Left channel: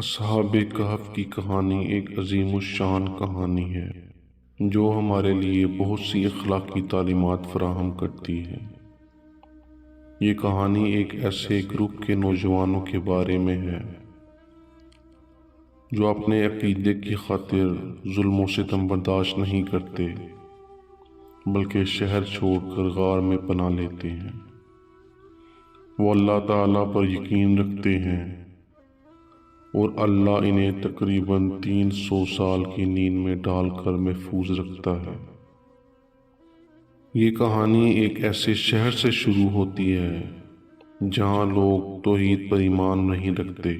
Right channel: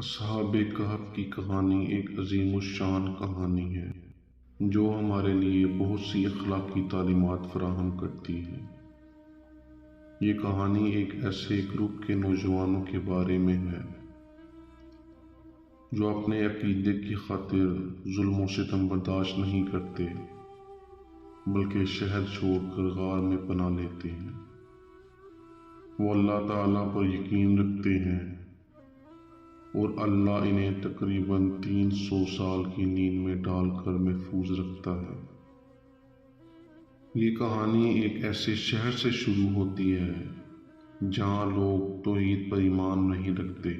اصحاب کہف کی کہانی ایک عظیم الشان کہانی ہے جو ہمارے لیے بہت سی اخلاقی تعلیمات فراہم کرتی ہے۔ یہ کہانی ایک ایسے گروپ کے نوجوانوں کے بارے میں ہے جو اپنے عقیدے کی خاطر ظلم و ستم برداشت نہیں کرتے بلکہ شہر چھوڑ کر غار میں پناہ لیتے ہیں۔ وہ اللہ تعالیٰ پر یقین رکھتے ہیں اور اللہ انہیں تقریباً 300 سال کی نیند میں ڈال کر محفوظ رکھتا ہے۔ یہ کہانی ایک ایسے شہر سے شروع ہوتی ہے جہاں لوگ توحید پر ایمان نہیں رکھتے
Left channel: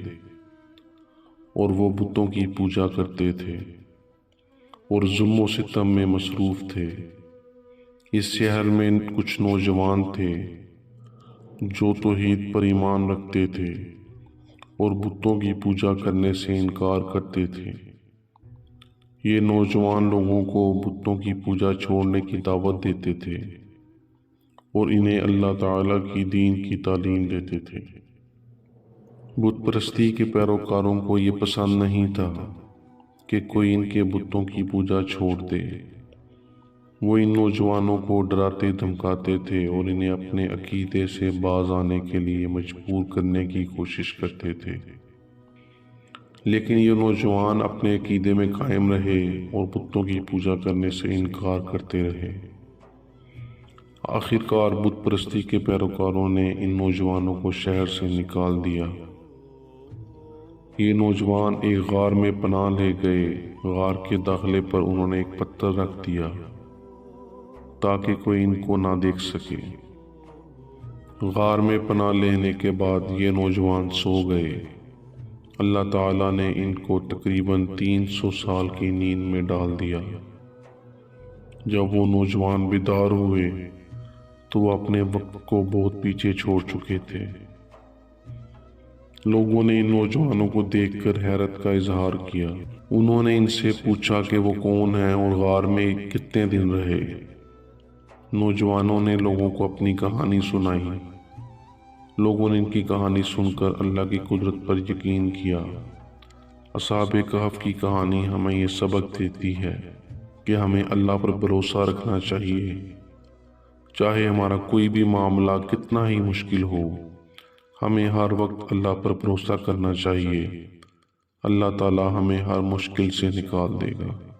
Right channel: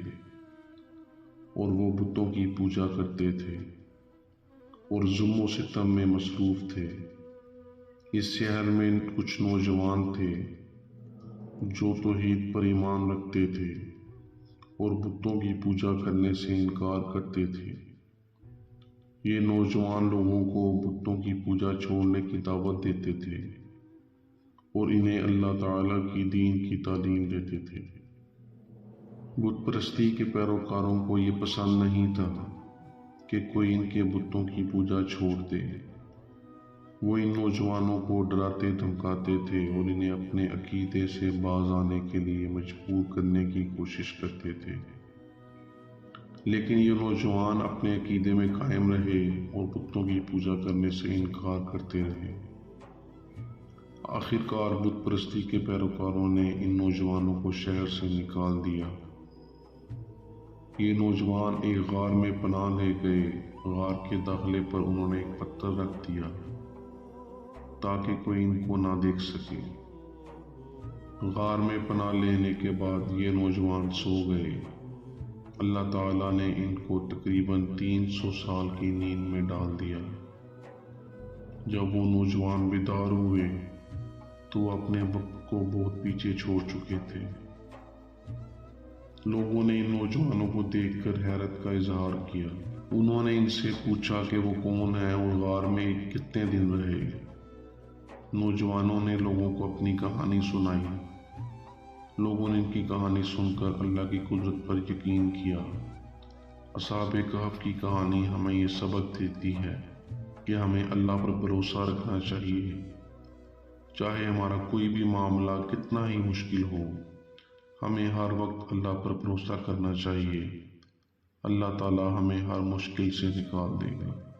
اور وہ بتوں کی پوجا کرتے تھے اور ظلم و ستم میں مصروف تھے۔ اس شہر میں کچھ نوجوان تھے جو توحید پر ایمان رکھتے تھے اور بتوں کی پوجا کرنے سے انکار کرتے تھے۔ یہ نوجوان لوگوں کو بتوں کی پوجا چھوڑنے کی دعوت دیتے تھے اور انہیں اللہ تعالیٰ کی دین کی تعلیم دیتے تھے۔ بت پرستی کے پیروکاروں کو یہ پسند نہیں تھا کہ کوئی ان کے بتوں کی پوجا چھوڑ دے۔ وہ ان نوجوانوں کو ڈراتے دھمکاتے تھے اور انہیں اپنے عقیدے سے باز آنے کے لیے مجبور کرنے کی کوشش کرتے تھے، لیکن یہ نوجوان اپنے عقیدے میں قائم رہے اور بتوں کی پوجا کرنے سے انکار کرتے رہے۔ آخر کار بت پرستی کے پیروکاروں نے ان نوجوانوں کو شہر سے نکال دیا۔ یہ نوجوان ایک غار میں پناہ لے گئے۔ غار کے داخلے پر انہوں نے ایک پتھر رکھ دیا تاکہ کوئی ان کو نہ دیکھ سکے۔ غار میں پناہ لینے کے بعد یہ نوجوان سو گئے۔ اللہ تعالیٰ نے ان کو تقریباً 300 سال کی نیند میں ڈال دیا۔ جب وہ نوجوان بیدار ہوئے تو وہ اپنے وقت کو بہت پیچھے چھوڑ چکے تھے۔ لوگوں نے ان نوجوانوں کو دیکھ کر حیرت کا اظہار کیا۔ انہوں نے ان سے پوچھا کہ وہ کون ہیں اور غار میں کتنے دن رہے۔ نوجوانوں نے لوگوں کو اپنی کہانی سنائی۔ لوگوں نے ان کی کہانی سن کر اللہ کی قدرت پر یقین کیا۔ اصحاب کہف کی کہانی ہمیں یہ سبق دیتی ہے کہ ہمیں اللہ پر بھروسہ رکھنا چاہیے، چاہے ہمارا کوئی بھی معاملہ کتنا ہی مشکل ہو۔ ہمیں ہر وقت اللہ پر بھروسہ کرنا چاہیے۔ اللہ تعالیٰ ہمیں ہر مشکل سے نکال دے گا۔